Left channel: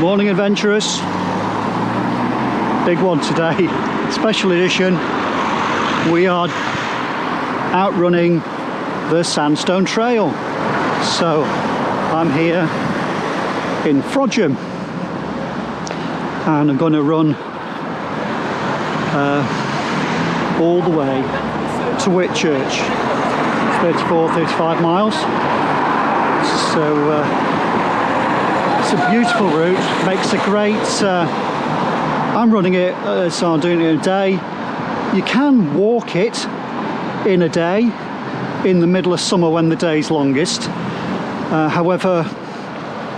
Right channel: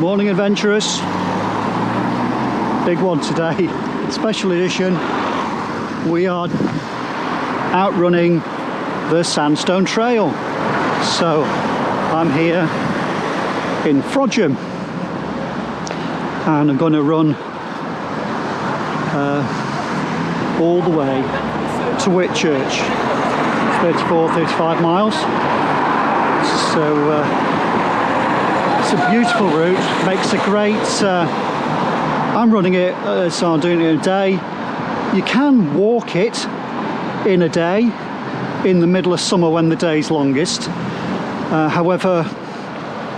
Morning adventurers, big one today, special edition. We are outrunning the Sandstone Trail. So I'm here in Frodsham and I'm going to run all the way to Whitchurch, 35 miles. So it's a beautiful route, makes a great, I'm running it, so I'm doing it in a day. You can walk it in a day, in the middle of summer when the day's longest. However,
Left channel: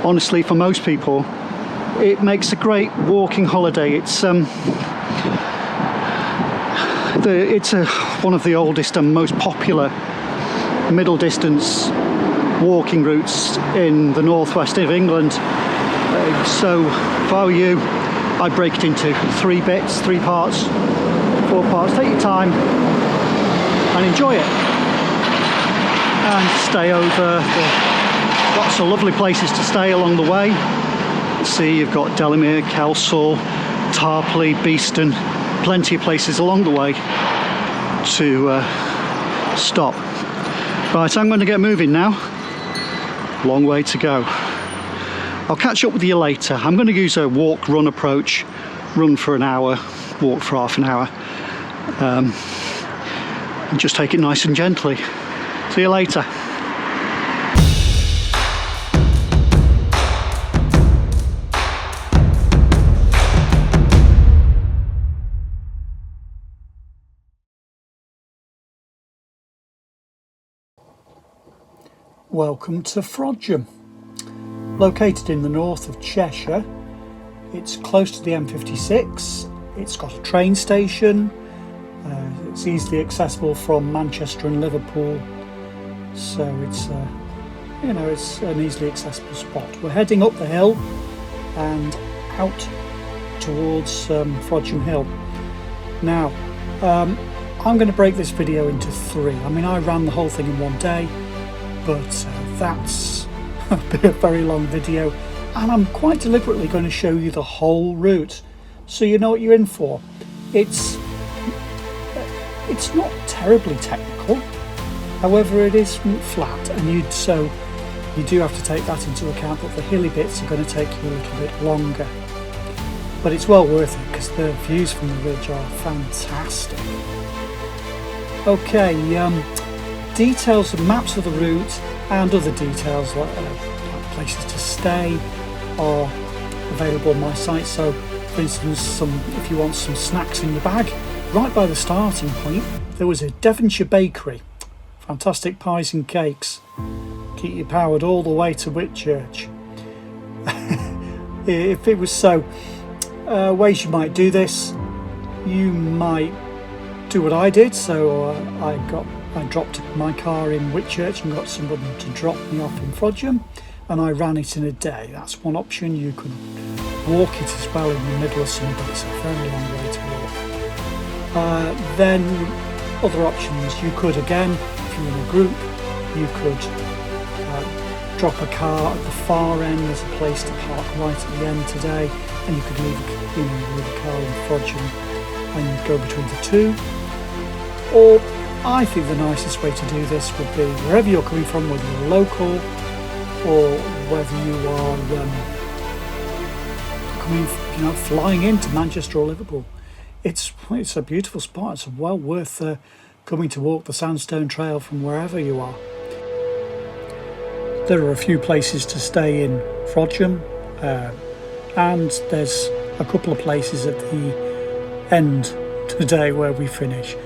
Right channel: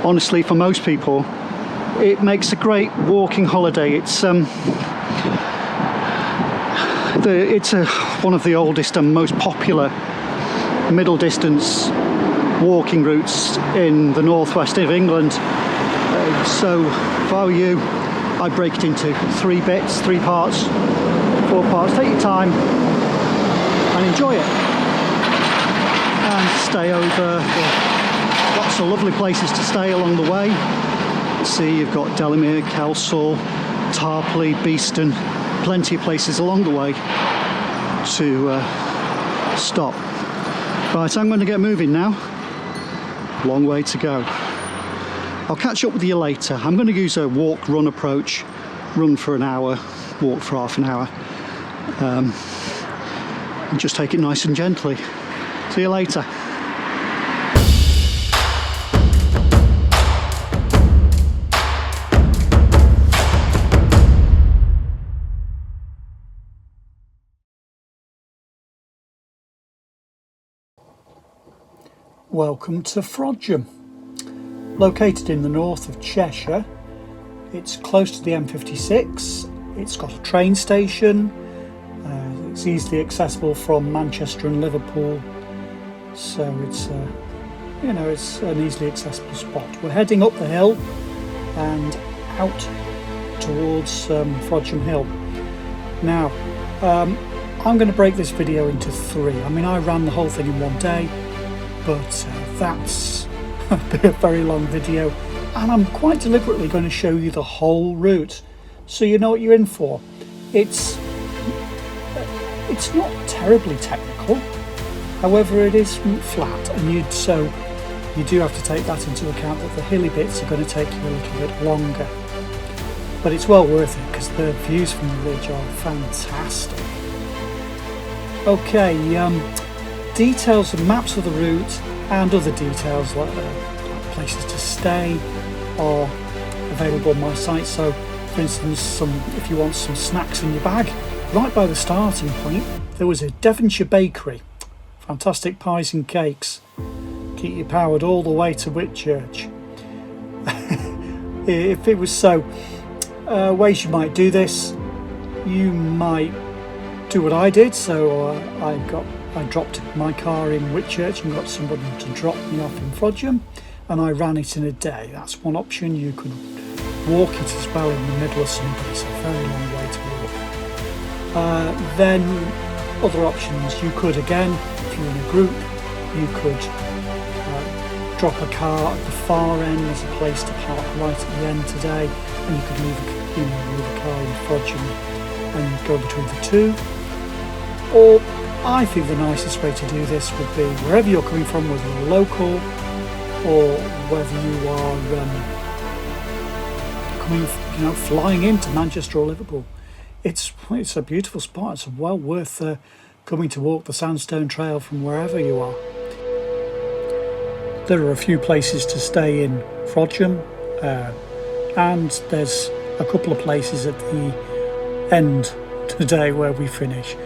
honestly, for most people, it makes a great walking holiday. It's one of the oldest and most popular middle distance walking routes in the northwest of England. So if I were you, I'd break it into 3 bits, 3 parts, 4 parts. Take your time and enjoy it, and stay over. Lots of lovely places to stay along the way. See, you've got Delamere, Kelsall, Tarpley, Beeston, plenty of places along the way to stop. Right, I'm going to get moving now. Long way to go. I'll catch up with you later. I'm going to use a walk-run approach. Run for an hour, walk for half an hour. And just take it nice and gently. See you later. Welcome to Frodsham. Located in the north of Cheshire, it's close to the M56. It's got a train station. It's easily accessible from Manchester and Liverpool, so it's it's an easily accessible spot. We're heading up the hill and out towards Frodsham Hill. Now, I'm going to break this video into 3. I mean, I ran the whole thing in one day, but that's a very long video, and I'm quite deliberately going to show you the whole route so you know what you're in for. It's not terribly technical, however it is flat, and you do have to take that into account, that the hilly bits are going to take you a little bit longer, but it's well worth it because the views from the ridge are fantastic. Okay, details and maps of the route and other details like places to stay are available on my site. So for instance, if you want some snacks in your bag, right by the starting point there was a Devonshire bakery, fantastic pies and cakes, keep you powered all the way to Whitchurch. If it was so, ways you might do this, you might do what I did. So I dropped my car in Whitchurch and got somebody to drop me off in Frodsham, and I ran it in a day. That's one option. You could walk it as well in the middle of summer, but it's a very long way to walk. Then other options, you could, again, if you're in a group, you could drop a car at the far end. There's a place to park right at the end today, and you could leave a car in Frodsham and go between the two. Or I think the nicest way to do this would be wherever you're coming from, whether you're local or whether you are flying into Manchester or Liverpool. It's a beautiful spot. It's well worth coming to walk the Sandstone Trail from wherever you are. There are a few places to stay in Frodsham, and there's a couple of places at the end today where we finish.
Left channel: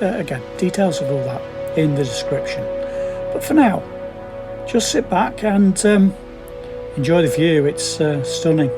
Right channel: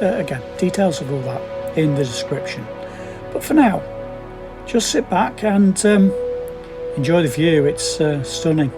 Again, details of all that in the description. But for now, just sit back and enjoy the view. It's stunning.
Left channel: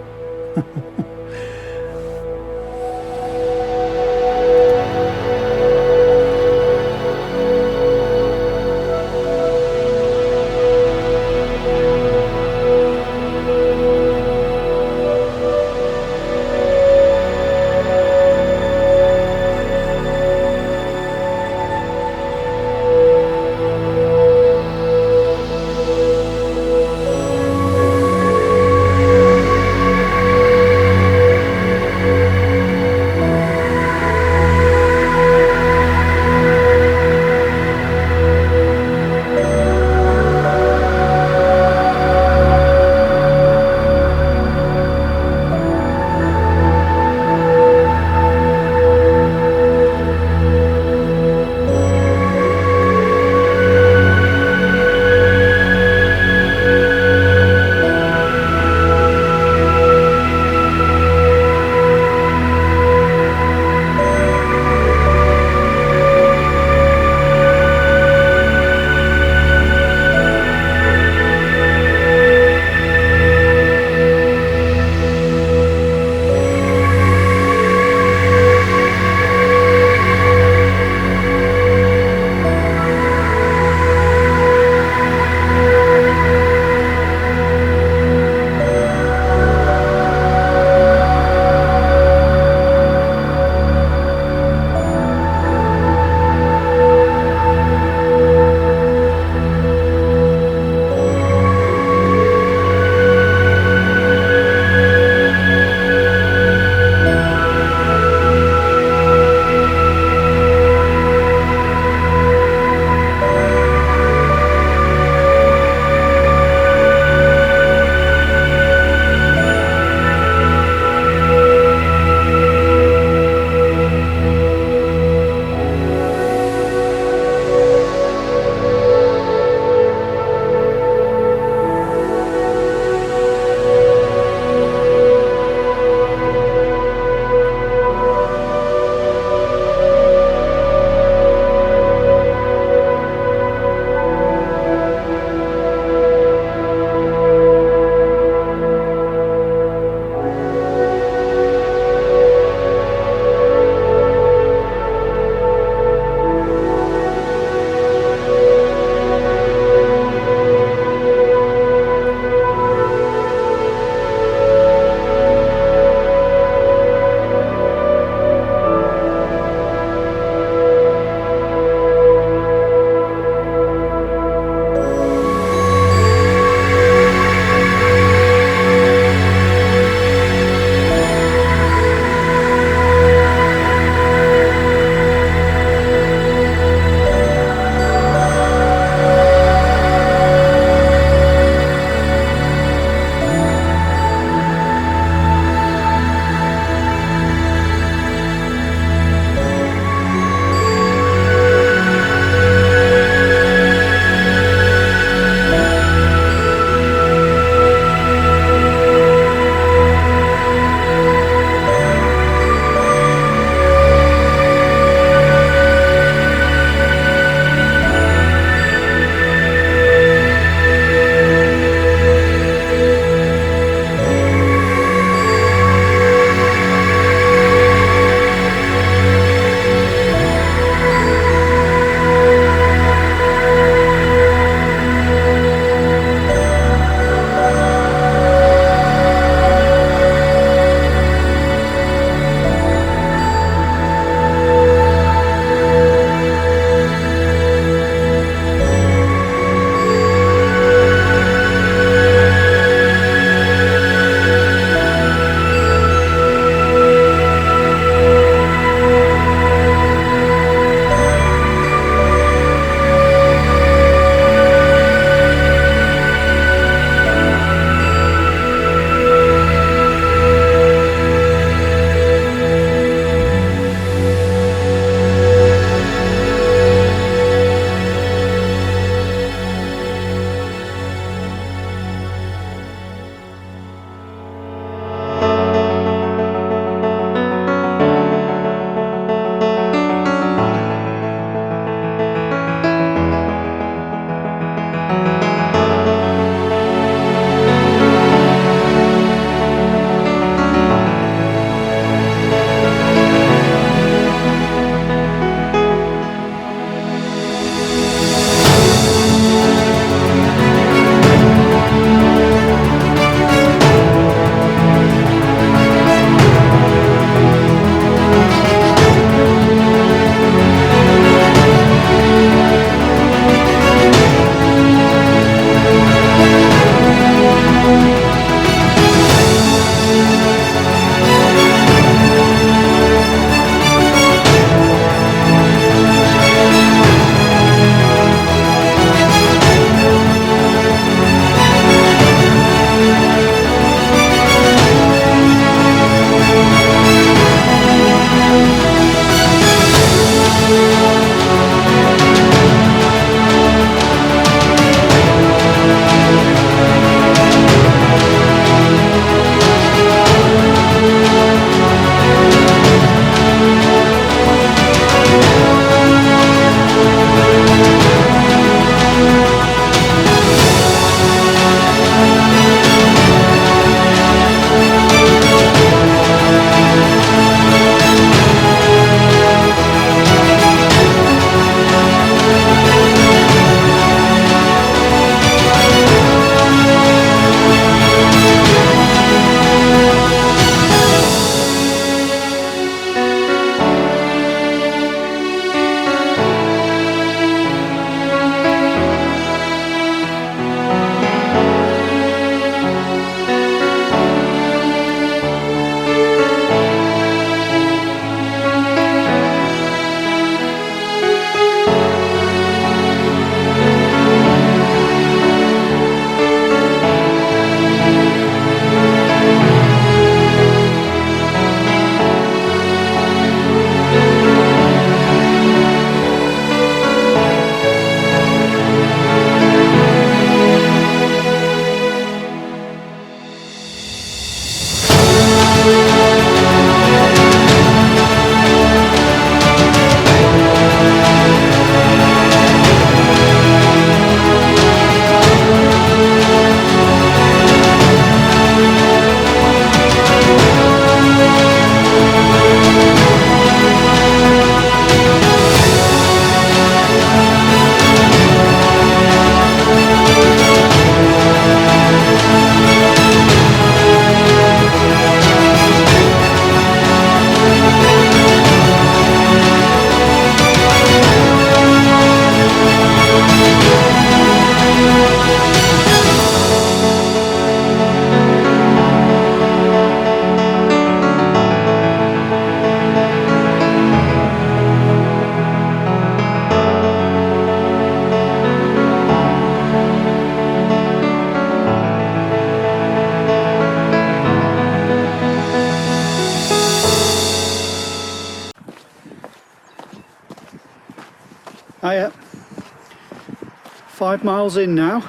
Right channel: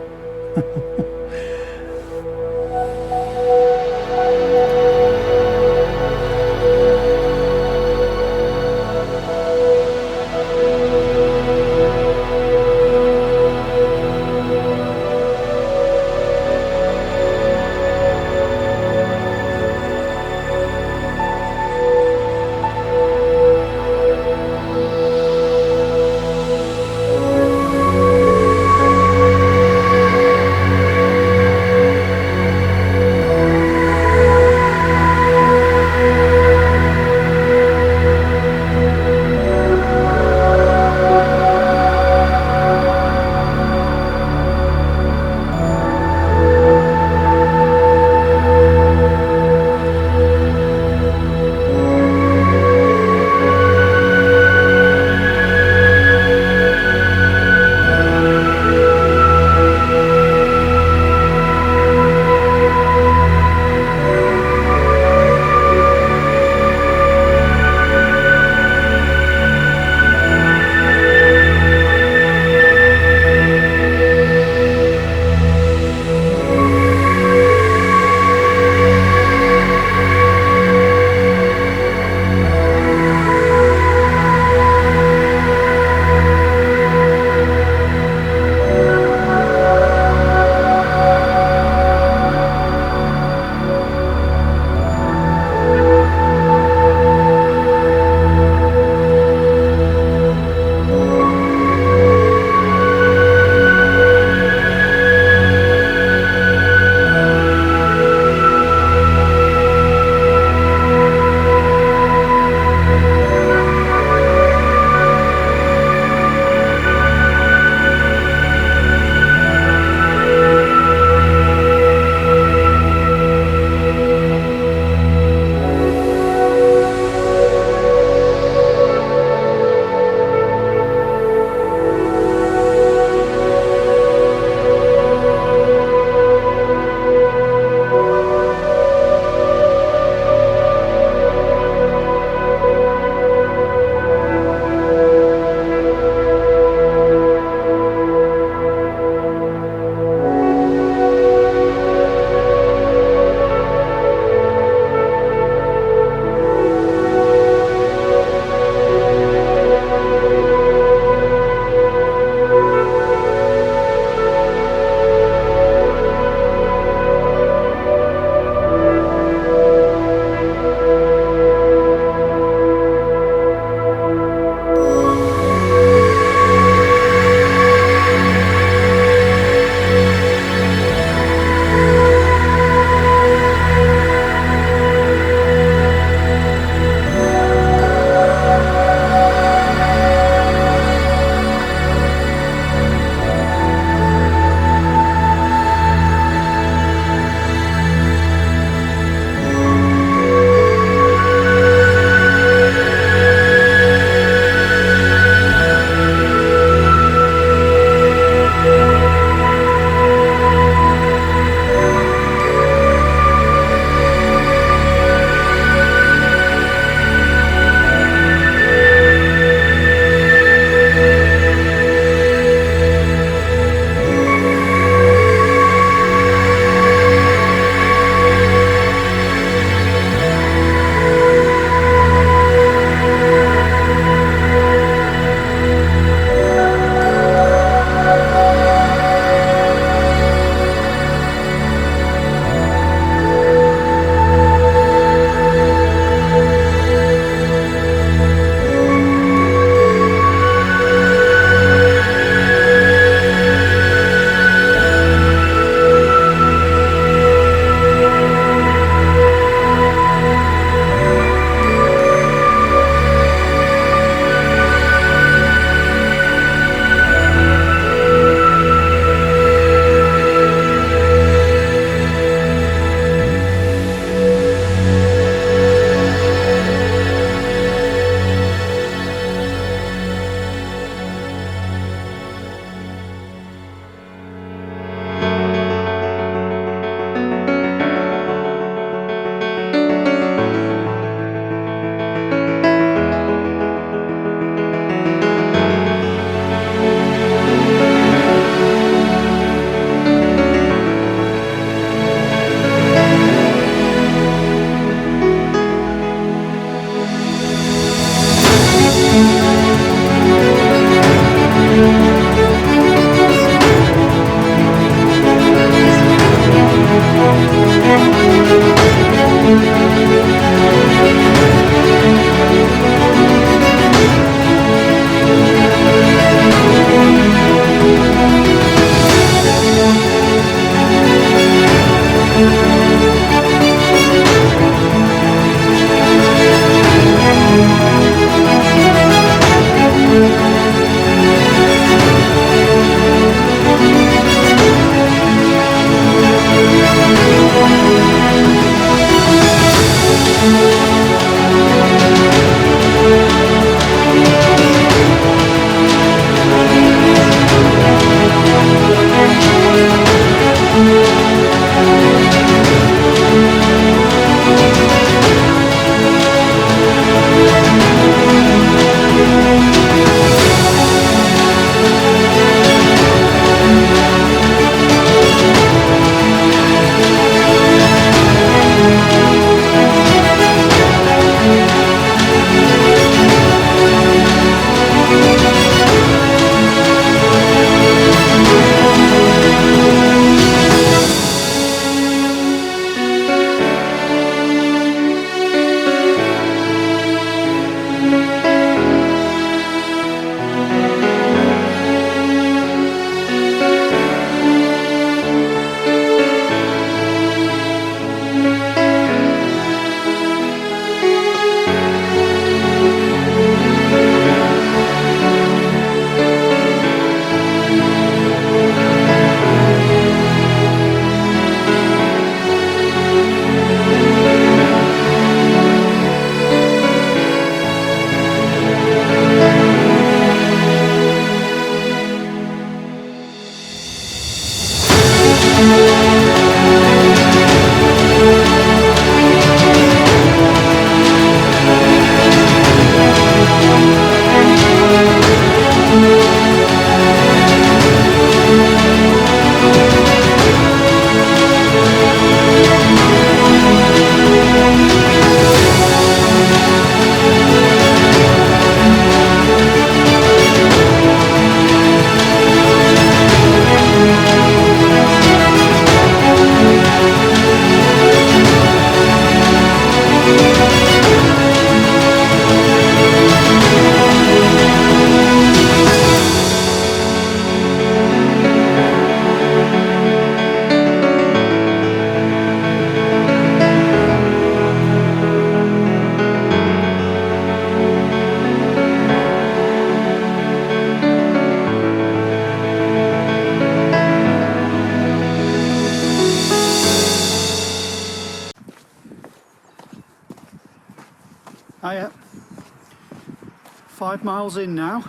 5 miles in now,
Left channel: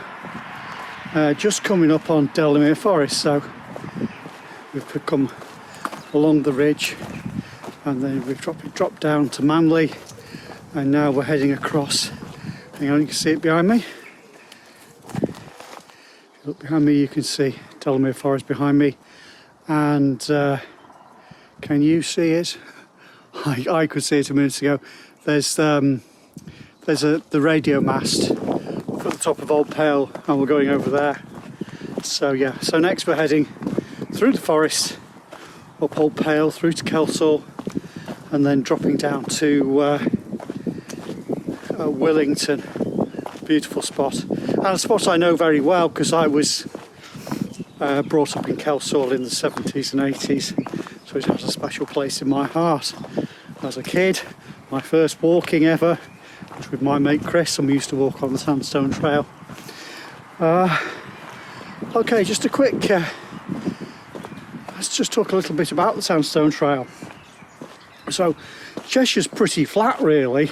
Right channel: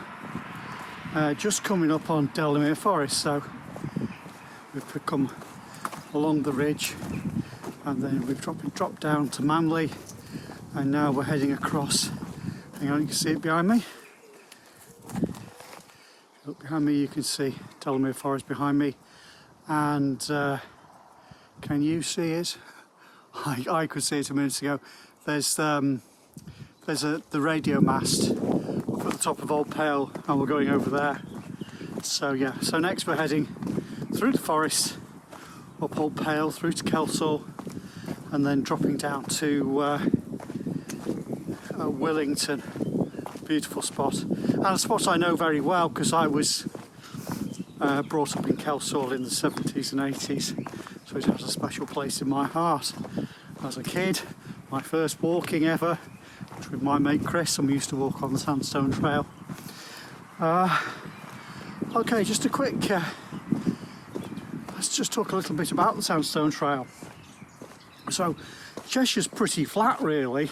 just coming up on Delamere Forest, so we've come along the ridge and then we've dropped down to Manley, and now we're heading across. Hang on, you can see it behind me. If you look behind me you can see Delamere Forest behind me, and can you see it? I could see it a minute ago. There's the radio mast at the top of Old Pale, and we're going over there. So yeah, so next we're heading through the forest, up Old Pale, through to Kelsall, and then dropping down to Willington. Beautiful spot, and a spot I know very well because I was brought up in Kelsall in the 70s and 80s, so it has a special place in my heart. As a kid, my first walking ever was with my mate Chris, and we used to walk on the Sandstone Trail. Okay, just a quick, let's just talk a little bit about the Sandstone Trail. So Cheshire's pretty flat really,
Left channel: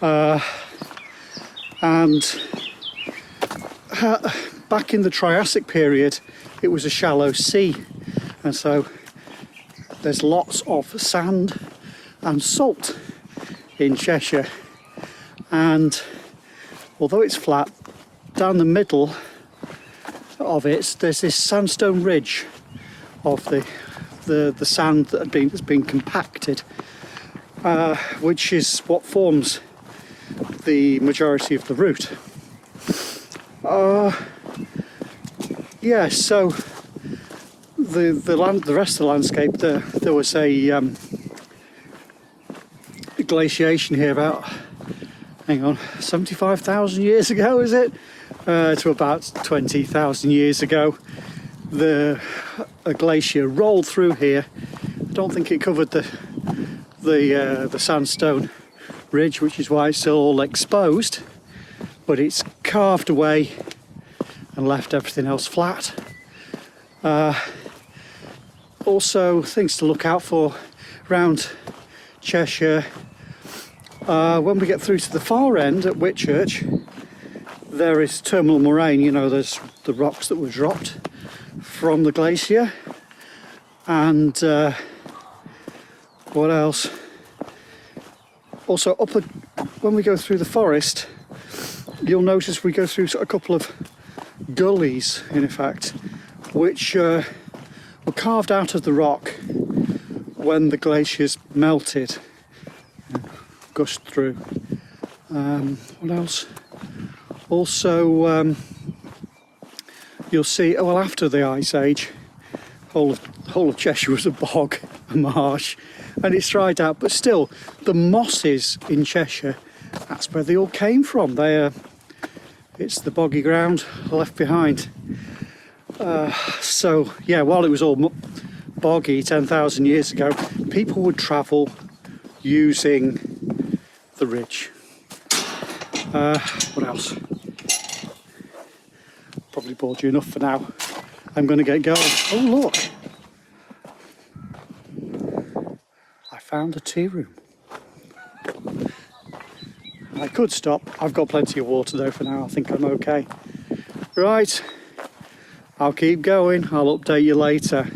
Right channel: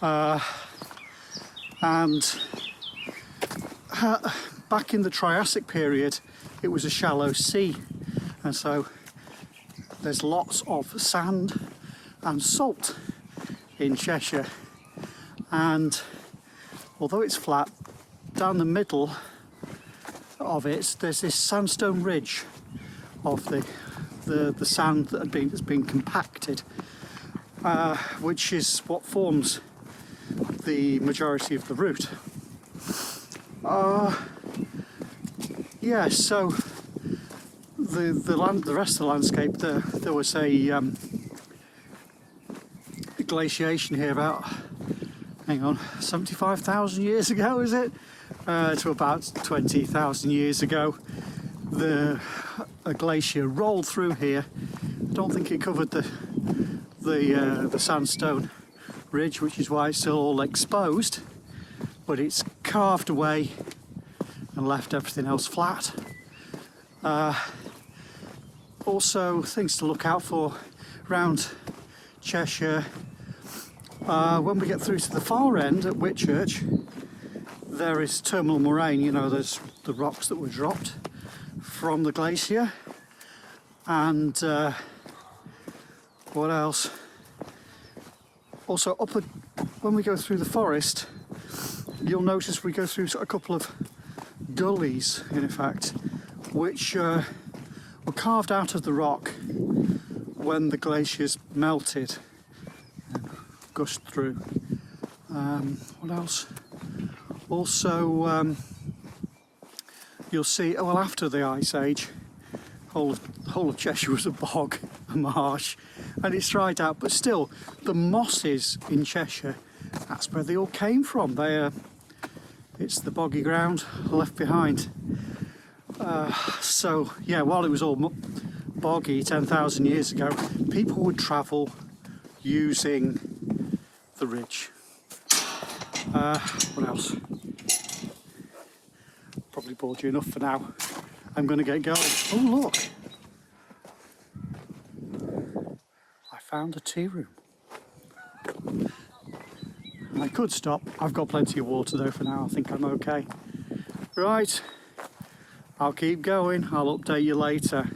and back in the Triassic period it was a shallow sea, and so there's lots of sand and salt in Cheshire, and although it's flat, down the middle of it there's this sandstone ridge of the sand that's been compacted, which is what forms the majority of the route. Yeah, so the rest of the landscape, there was a glaciation here about, hang on, 75,000 years ago, is it? To about 20,000 years ago. A glacier rolled through here. I don't think it covered the sandstone ridge, which is why it's still all exposed, but it's carved away and left everything else flat. Also, things to look out for around Cheshire. When we get through to the far end at Whitchurch, there is terminal moraine. You know, there's the rocks that were dropped from the glacier, and what else? Also, when we go through the forest, you'll notice we go through a couple of gullies, in effect, which were carved out of the rock when the glaciers melted and gushed through. What else? Also, you'll see, well, after the Ice Age, the whole of Cheshire was a bog, a marsh, and it's dried out, but still, the mosses in Cheshire, that's where they all came from. It's the boggy ground left behind. So, yeah, while it was all boggy 10,000 years ago, people would travel using the ridge. What else? Probably bored you enough for now. I'm going to get going. Oh, look! I found a tea room. I could stop. I've got plenty of water though for now. I think I'm okay. Right. I'll keep going. I'll update you later.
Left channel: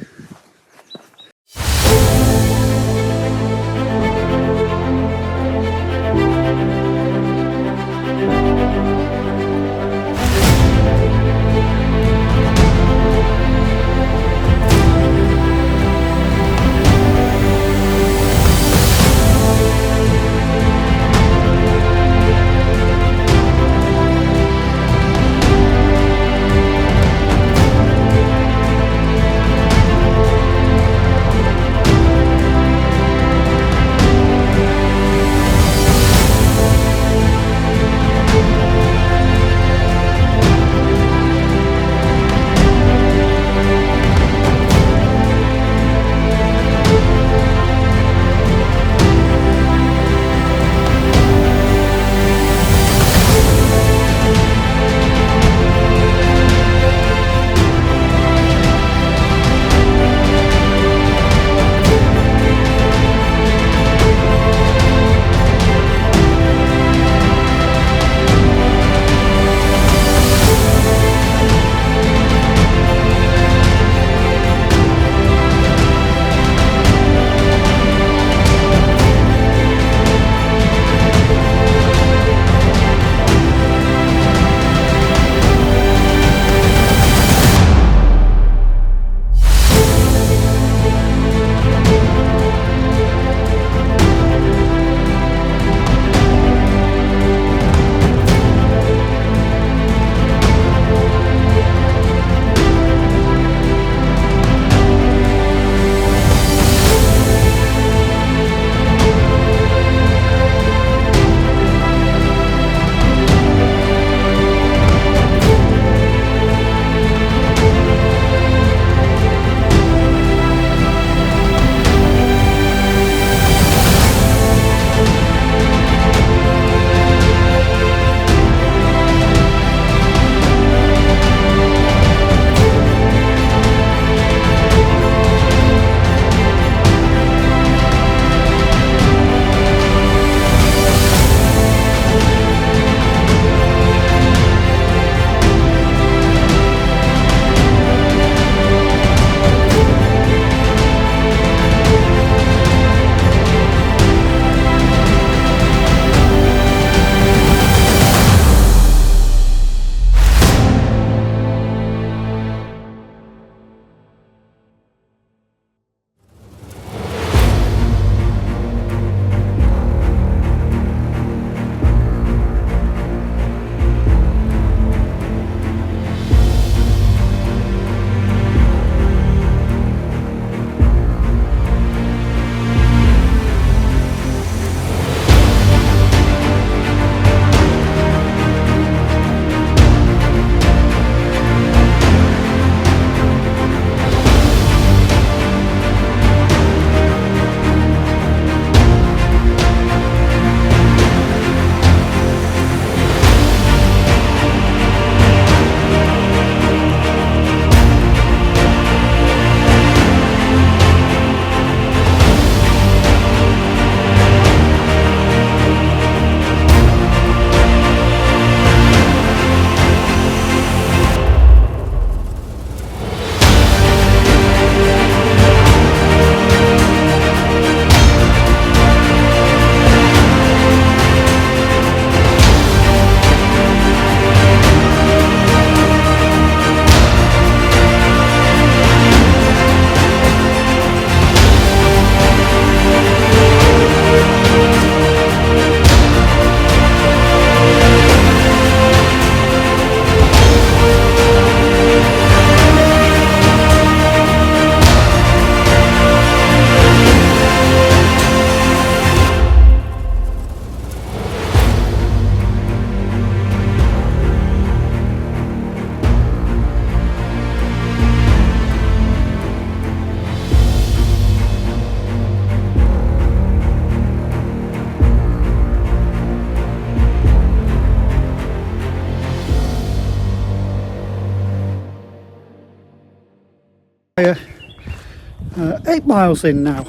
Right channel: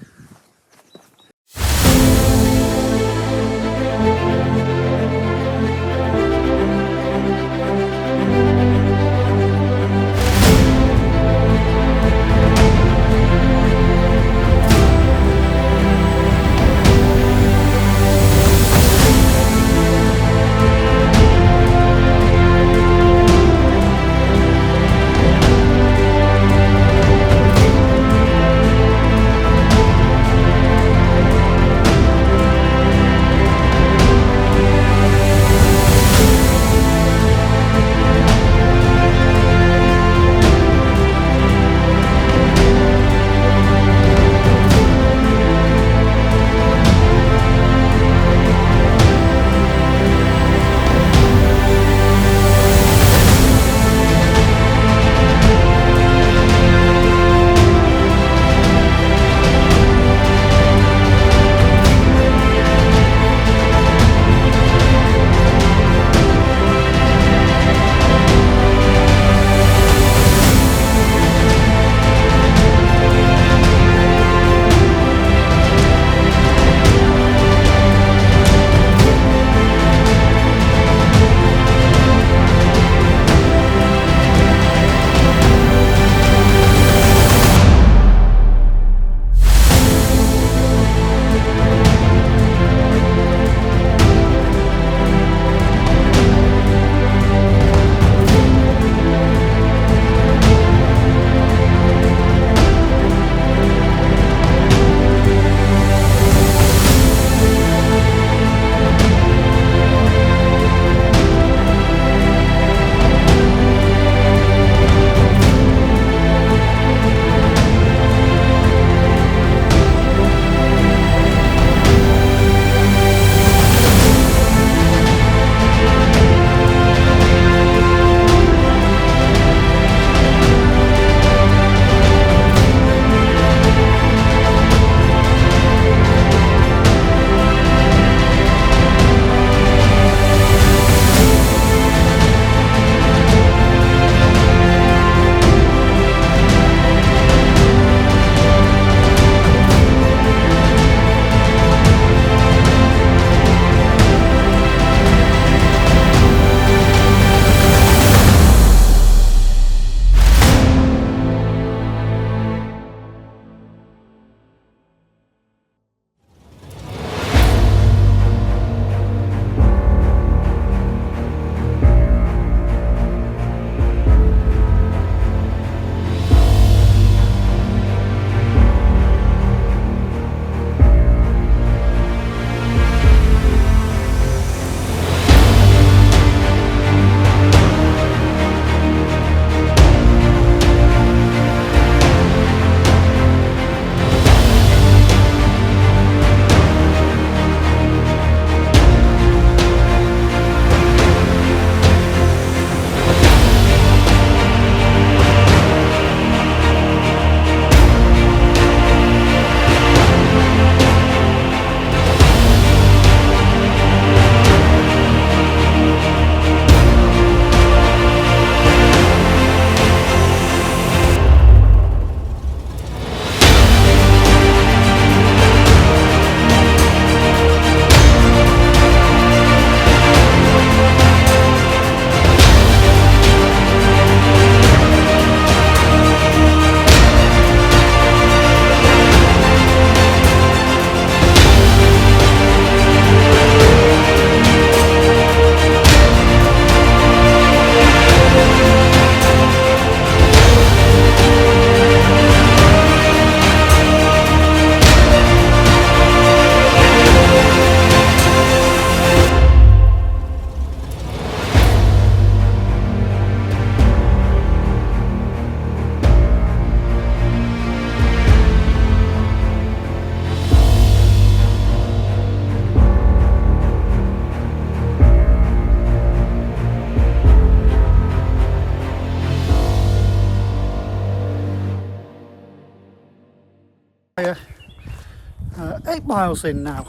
8 miles in now.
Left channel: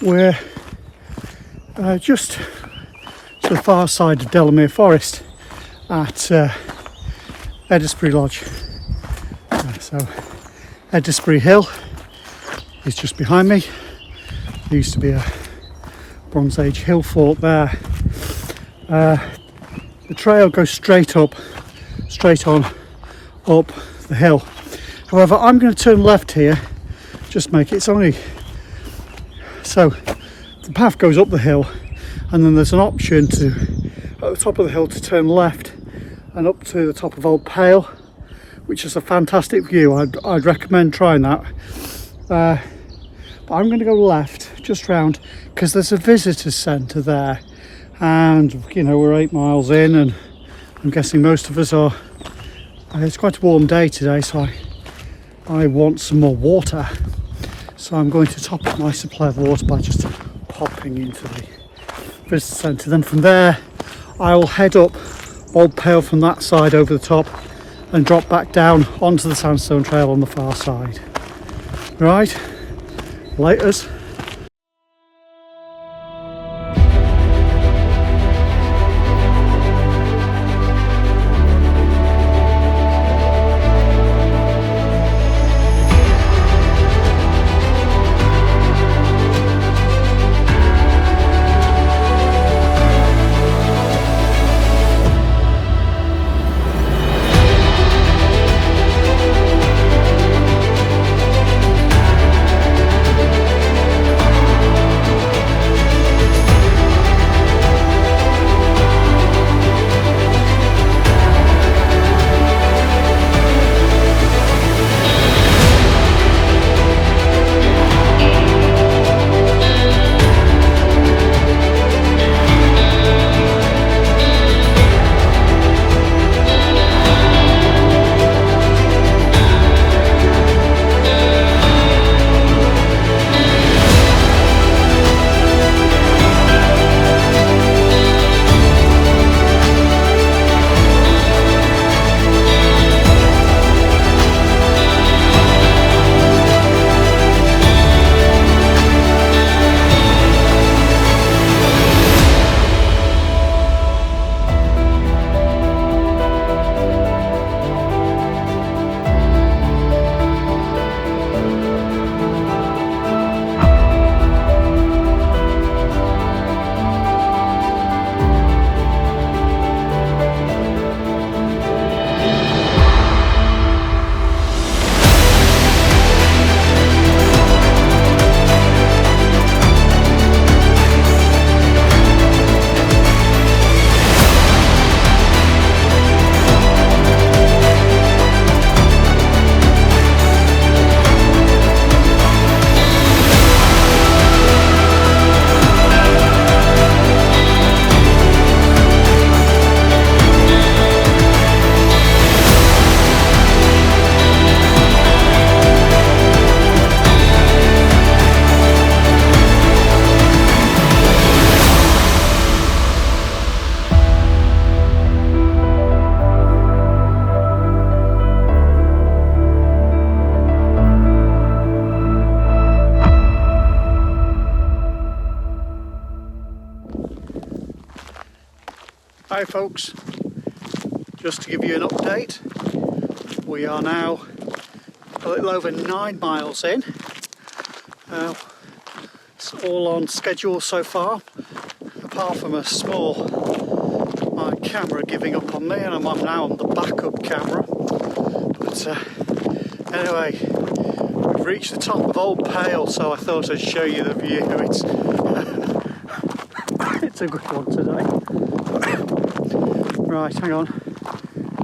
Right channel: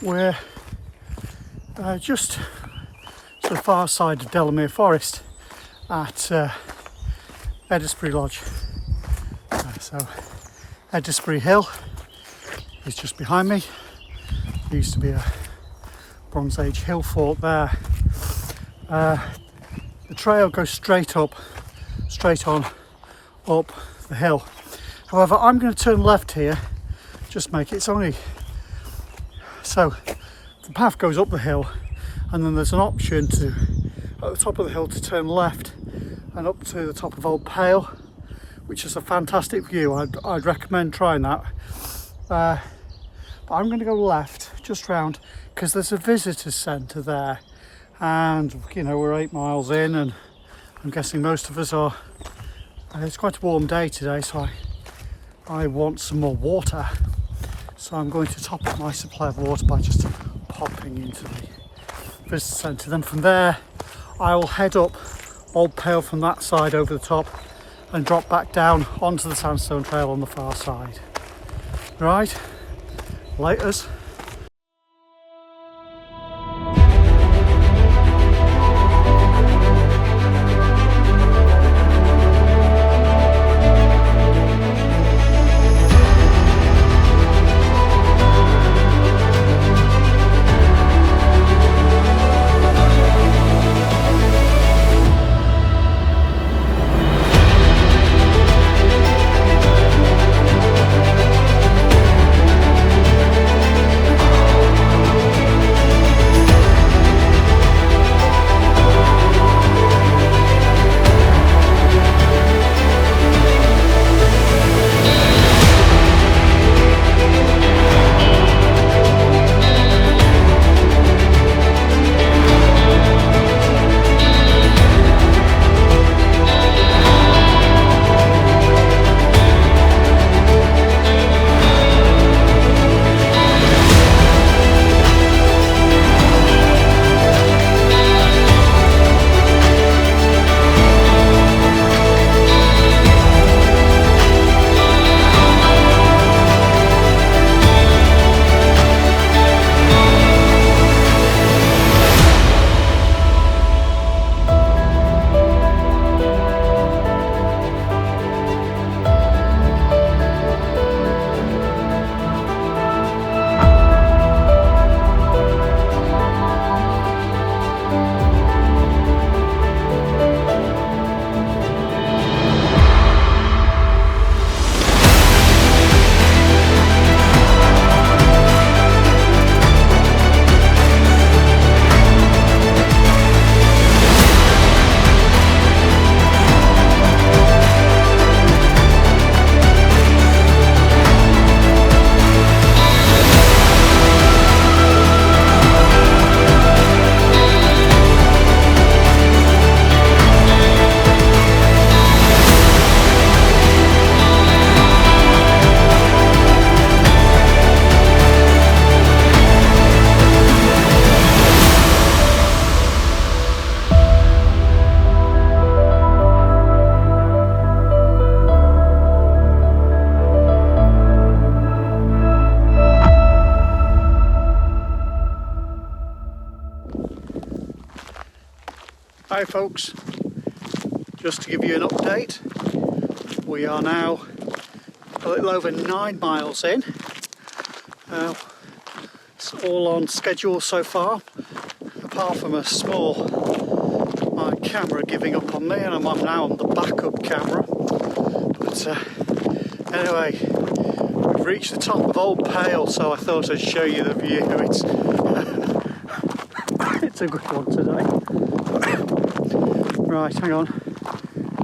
We're just to the far side of Delamere Forest at Edisbury Lodge. So Edisbury Hill is just behind me. There used to be a Bronze Age hill fort there. The trail goes straight on up the hill. However, I'm going to turn left here, just make it's only so the path goes up the hill, and then there's an option to at the top of the hill to turn left and up to the top of Old Pale, which is a fantastic view. I'd recommend trying that. But I'm going to go left just round because there's a visitor centre there, and you know, we're 8 miles in, and I'm guessing most of us are. It's quite a warm day today, so I want some more water. So I'm going to top up my supply of water by just popping into the visitor centre. Then from there, I will head up Old Pale from that side over the top and drop back down onto the Sandstone Trail on the far side. Right, laters. Hi folks, just to give you an update, we are now a little over 9 miles in. It's all on schedule so far, apart from a small my camera giving up on me, and I'm now on the backup camera. But anyway, we've reached the top of Old Pale, so I thought I'd show you the view. It's a good one today. Right, hang on,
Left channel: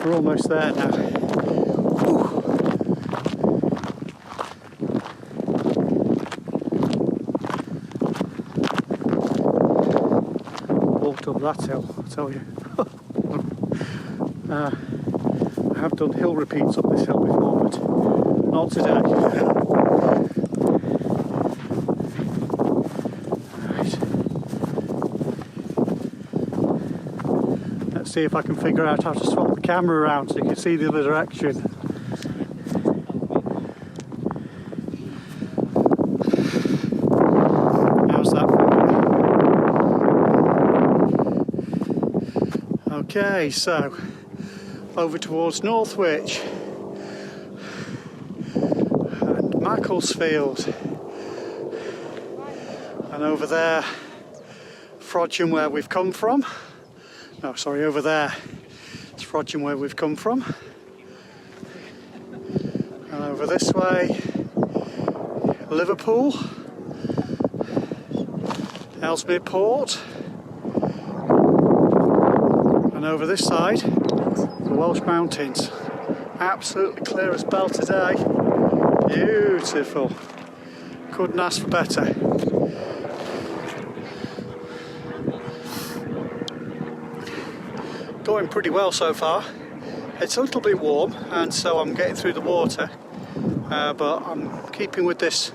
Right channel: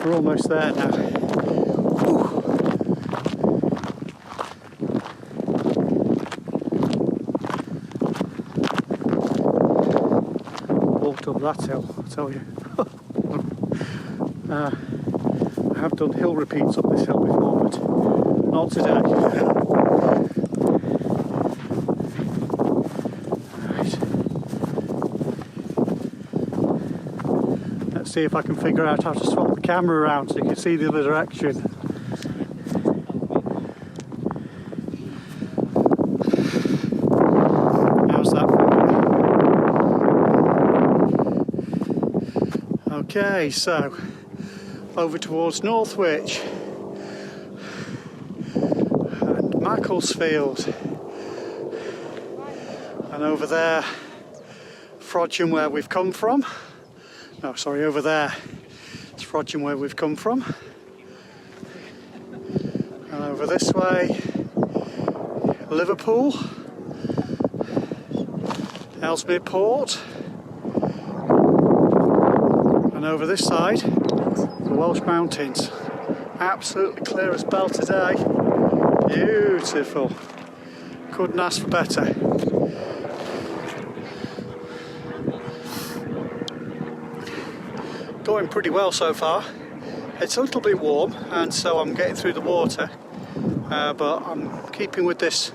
we're almost there now. Whew. Walked up that hill, I tell you. I have done hill repeats up this hill before, but not today. See if I can figure out how to swap the camera around so you can see the other direction. Okay, so over towards Northwich and Macclesfield, and over there Frodsham, where we've come from. No, sorry, over there it's Frodsham, where we've come from, and over this way Liverpool, Ellesmere Port, and over this side the Welsh Mountains. Absolutely clear as bell today. Beautiful. Couldn't ask for better. Going pretty well so far. It's a little bit warm, and so I'm getting through the water, but I'm keeping with this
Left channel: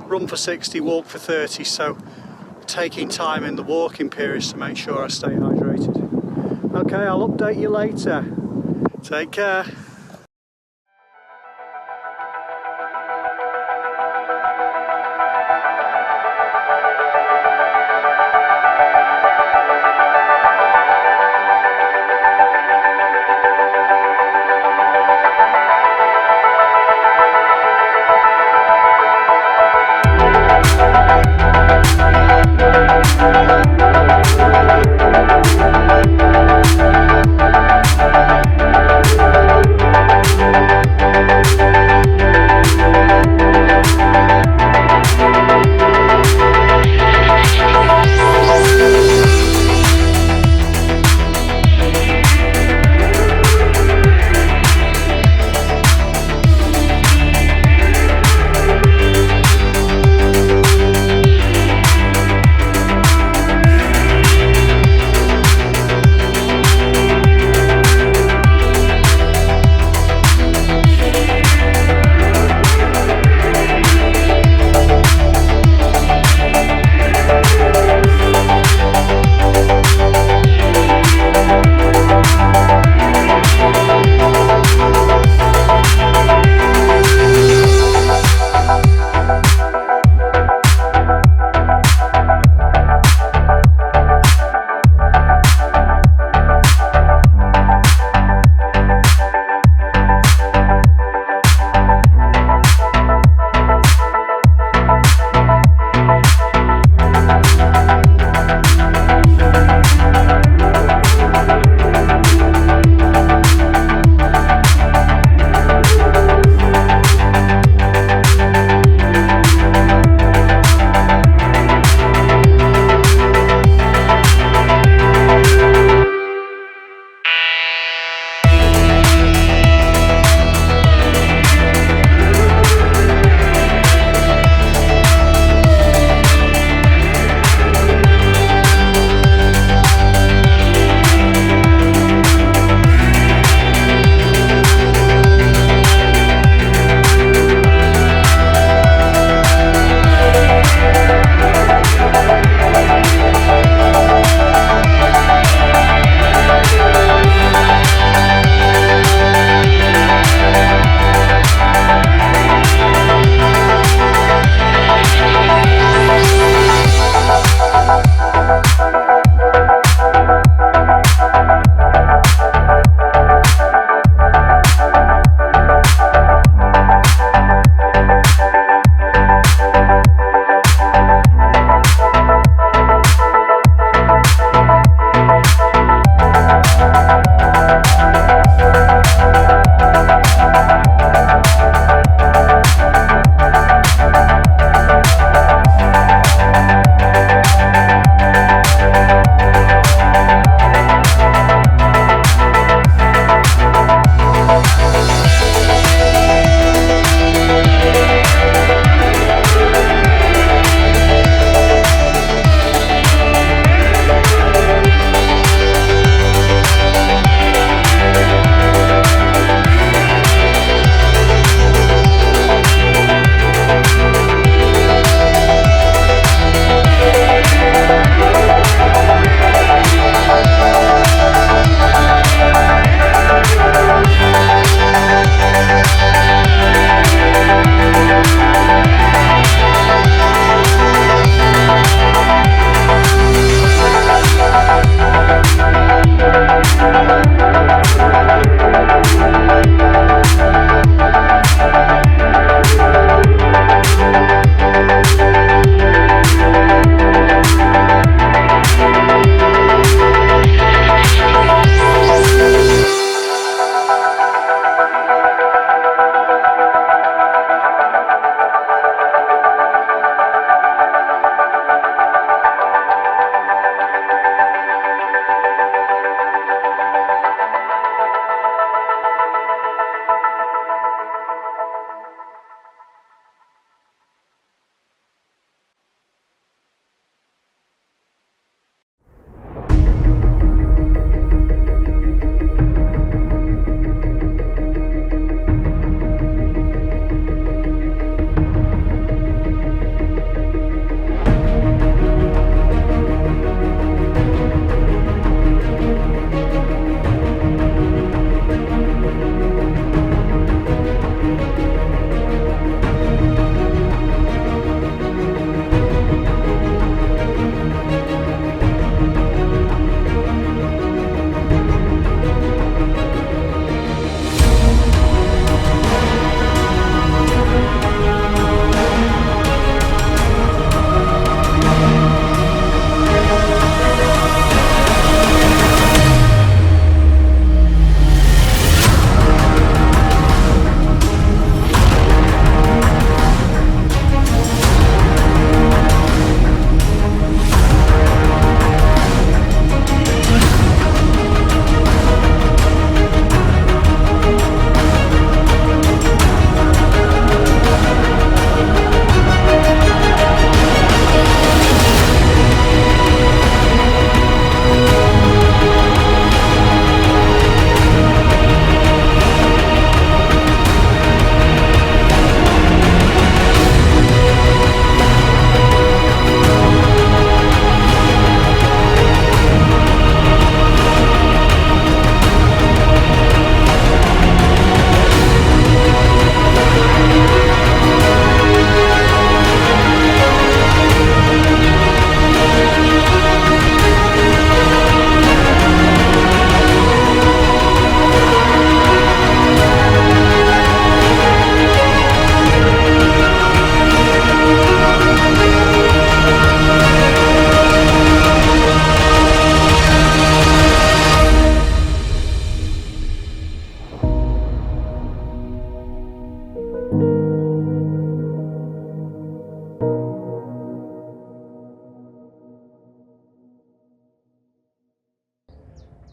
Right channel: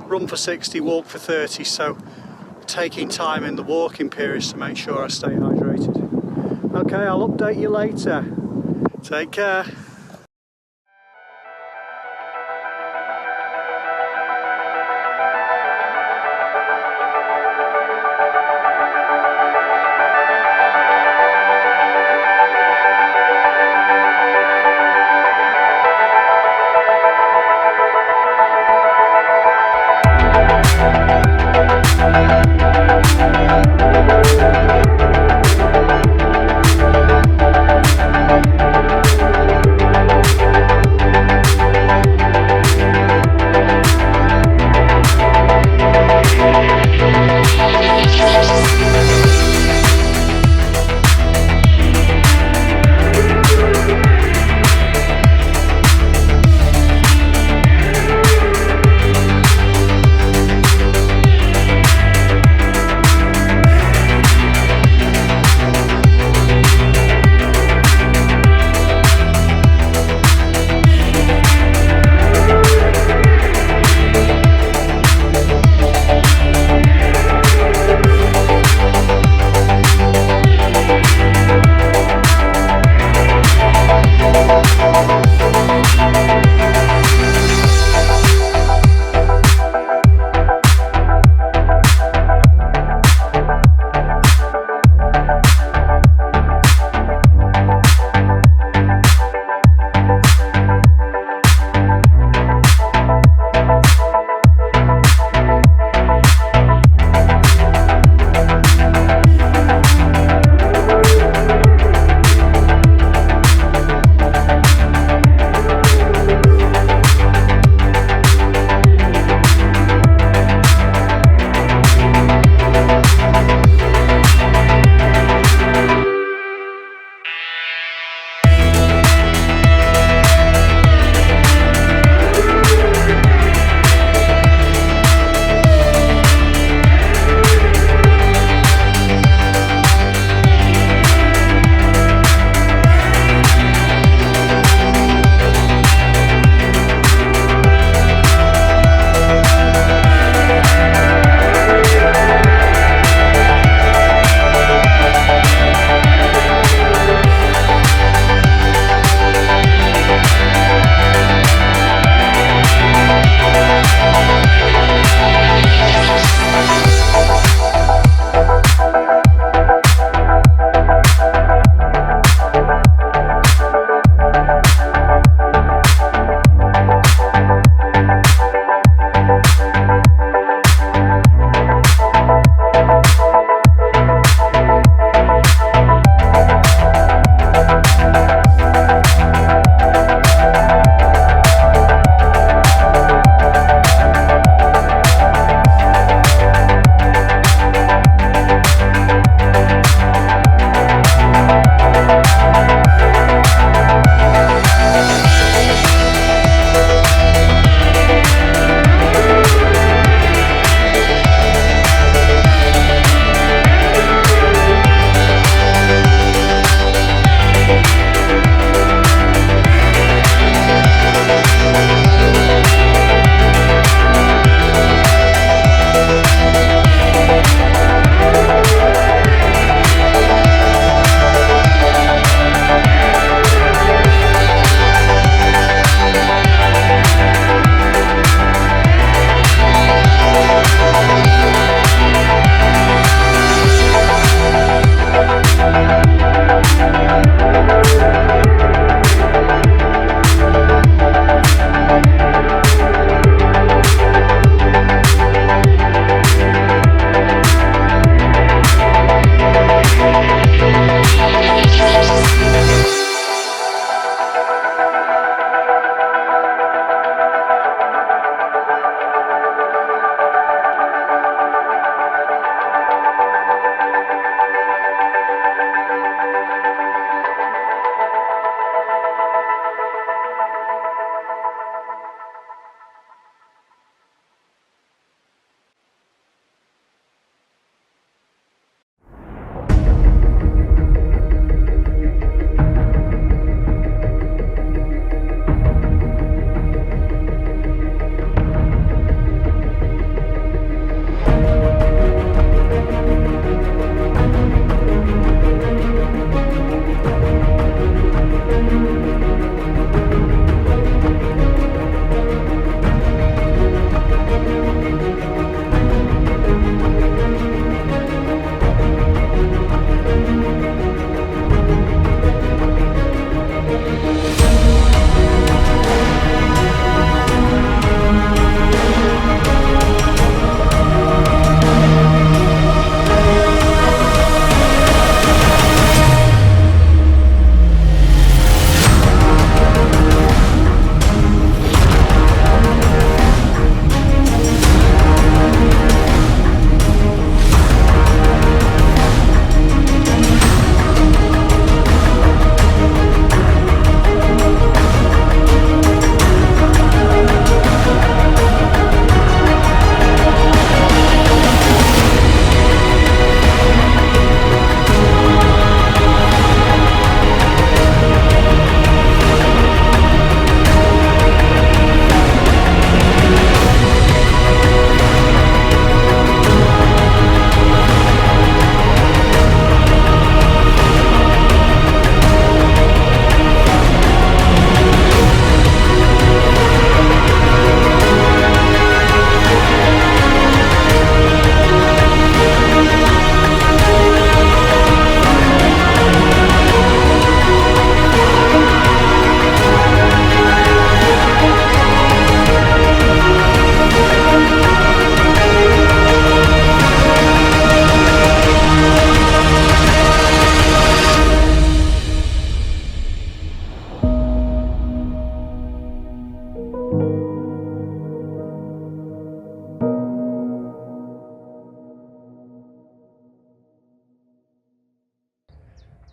run for 60, walk for 30, so taking time in the walking periods to make sure I stay hydrated. Okay, I'll update you later. Take care.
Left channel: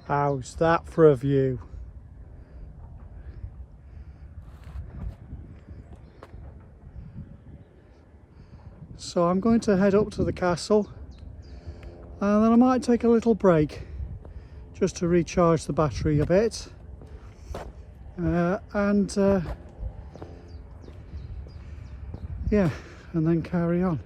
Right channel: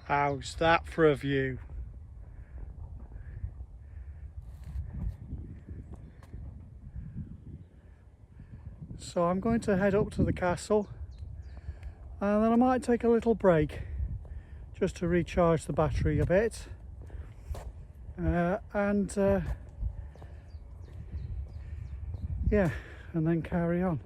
How's that for a view? So I'm going to head up to the castle, and then I might take a little break just to recharge the battery a bit, yeah, and then carry on.